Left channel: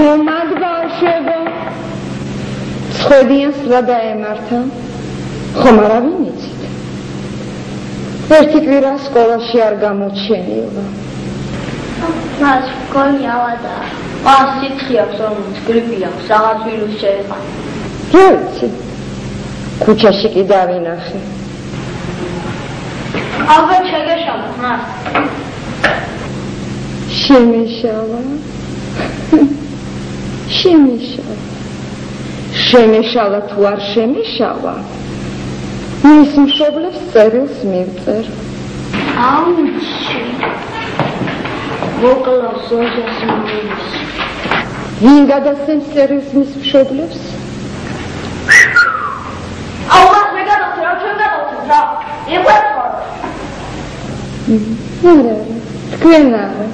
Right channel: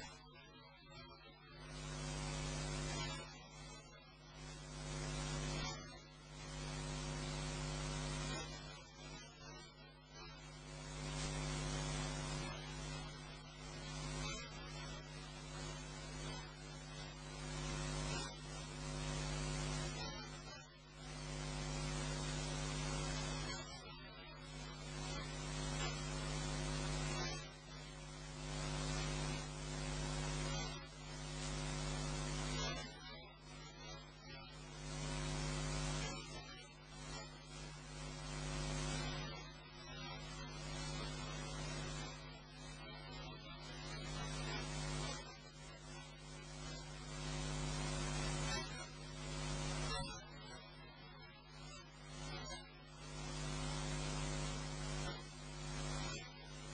ხომად ბავშვებო, ცხვედიან სლა დაემართა, ხომ არავინ იცით? ერთი კვირა სკოლაში არ გამოჩენილა. მას მგონი ავადა. მას სიცხე აქვს, რომელიც გრიპი აქვს, რაღაც ვირუსი შეეყო. რა ვიცი? ქუჩაში კი დავინახე. ალბათ შეგეშალა მას. შემეშალა. შემეშალა. შემეშალა თუ არ შემეშალა? მის მშობლებს წერილს მივწერ. აუჩი. მოკლავს ოჯახს მოვიდეს. ვინ გადასცემს წერილს მის მშობლებს? აუღას მე გადავწერ, ჩვენ გადავწერ რა. იყვეთო. არა, თქვენ არა.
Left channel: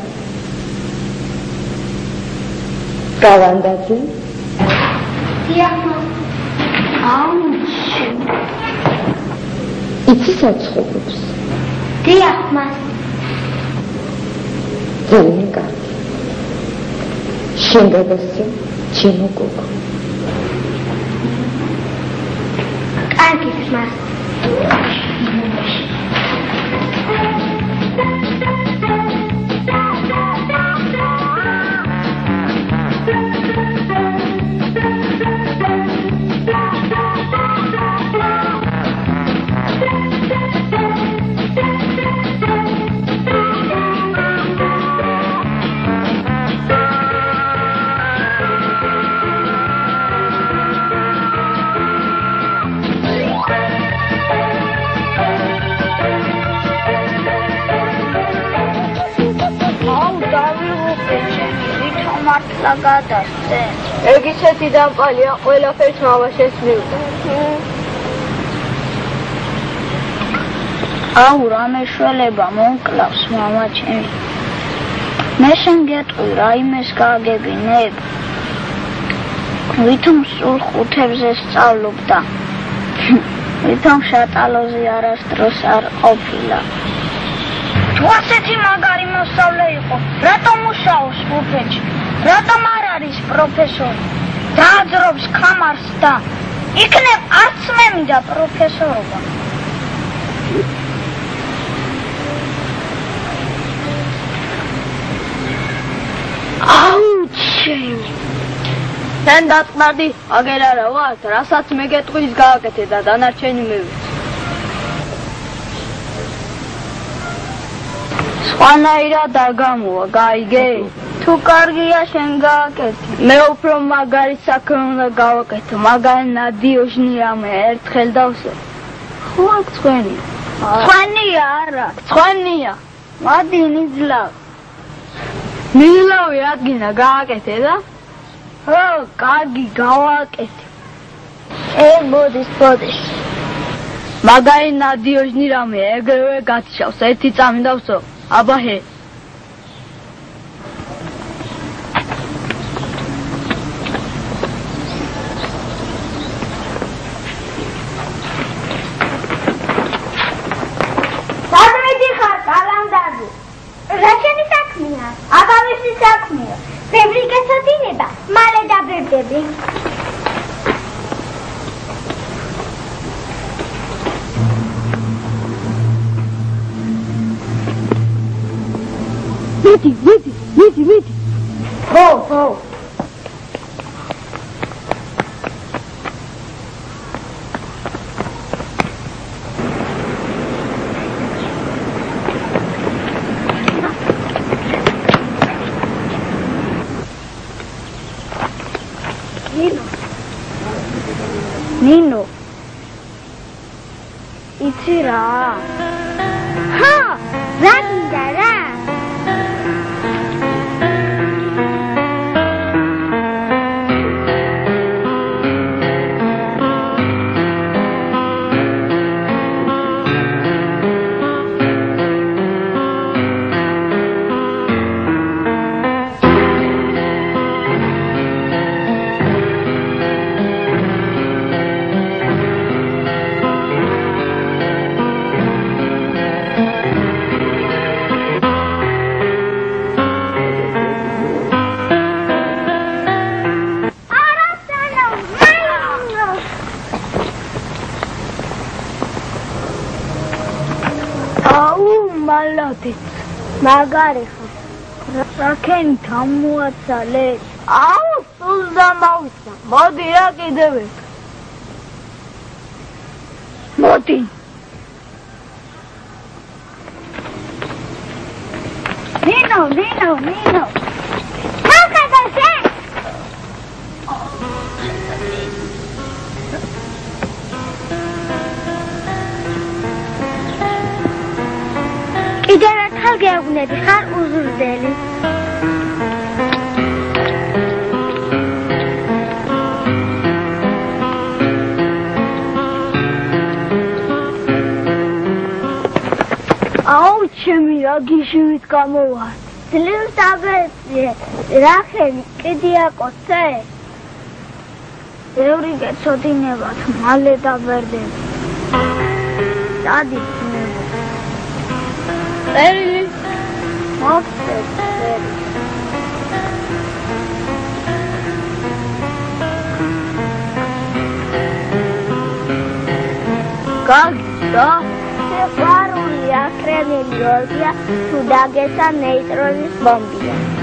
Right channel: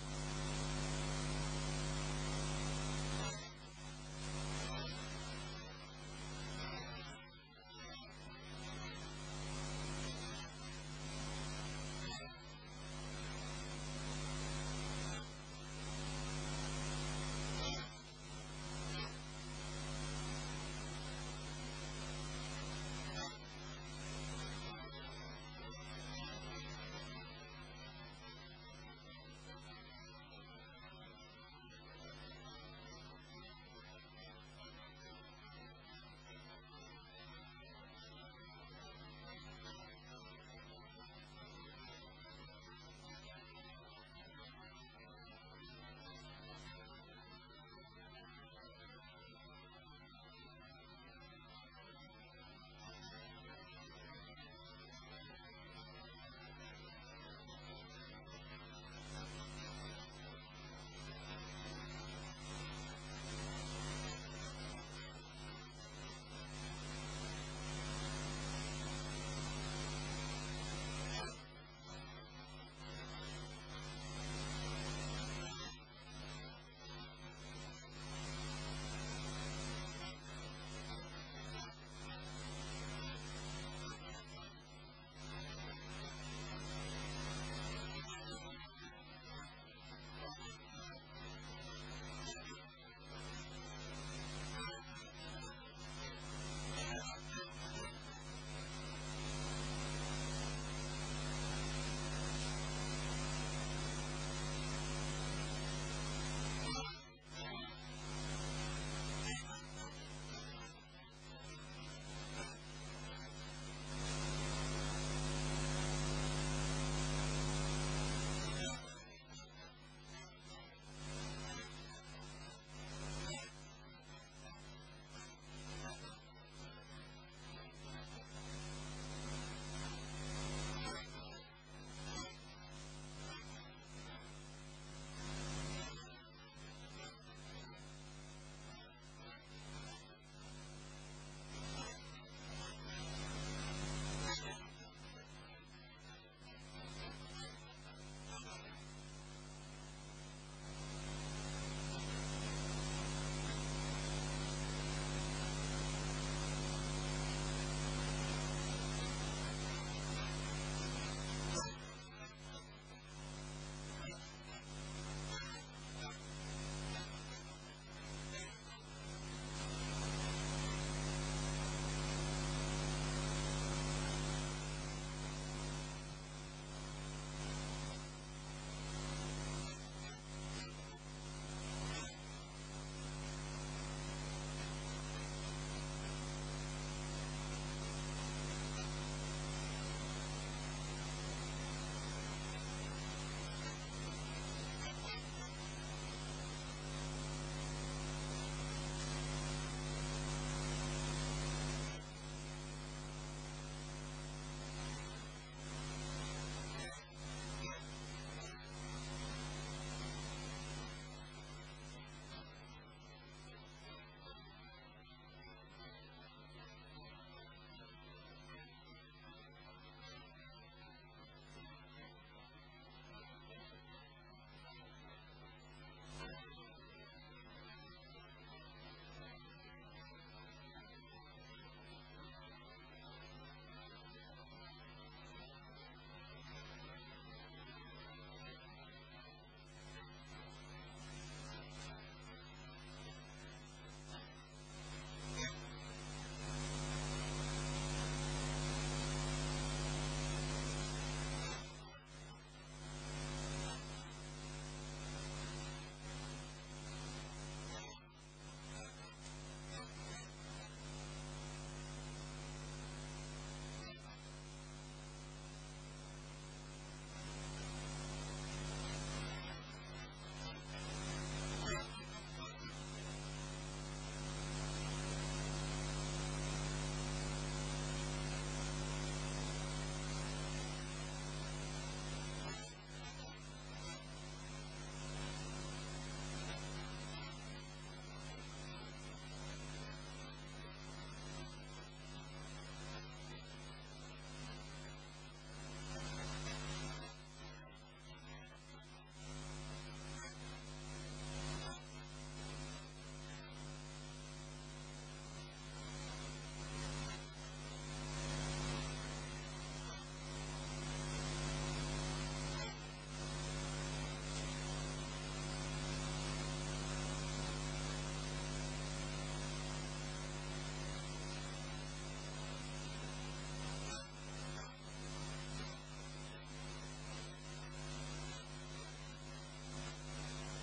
გავანდაძე. დიახ. აუჩი. იცი საცხობებს? დიახ, მას. ძალიან კარგი. შენ გადასცემ ჩემო გოგო. კარგი, მას. გადასცე. ეგ ისეთი დამპალია, ყველაფერს მამაშენს მივდა. აუ, რა მეშველება მომკლავს მამაჩემი. მე შენ გეტყვი, რაიმეს გააგებინებ. ვითომ სულ ხუთებზე სწავლობდა. ვითომ შატალოზე არასდროს არ ყოფილა. თუ ასეთი მაგარი მოსწავლე იყო, რატომ მუშაობს ბუფეტში? რატომ არ არის პროფესორი? დააძრობს ხამარს და იქნებ არც მე მინდა პროფესორობა. აუჩი. შენ დაწნარდი, აგერ არა ვარ, რასაც მე გეტყვი ის გააკეთე და დანარჩენი მივიცი. სხვანაირად არ გამოვა, გაიგე? თუ კარგია შენ გააკეთე. მე უფრო მაგარი საქმე უნდა გავაკეთო, მაგარი ნადიოჟნი რამე ერთხელ დავსე. ხო აქ ცხენია. ცხენია არა, ცხენია. მადი ნიძლავ. ნიძლავი ადგინა გააკეთე და? ხო, კარგი გავაკეთე. ბოდის. მაგარი ნადიოჟნი რამე ეგრევე გათიშავს, ერთი წამი დავსო. აბაჰე. Vedi. Ho. Nino. Itira. Ha! Randara. მალათიც მაგარი ხარ. რაკენ გამოაცალე. აუ, სულ დამავსა. მოდი რა კიდევ ერთ. მოდი. ნინო. მაგადაზე. კიდევ ერთხელ გეუბნები, ხარ უზრდელი. აუ, ჩემი რა გიჟივით გამოვარ. ძლივს დაბეჭდე, რახელი, კიდე აკოცე. ბევრი გეცოდინებათ, მალე დაბერდები. დადი ძნებო. წერილი მოხდეთ წერილი. გაგდა სიყვარული აკრემელი ორგია თუ დაგესა ნეიტრონის ბომბია.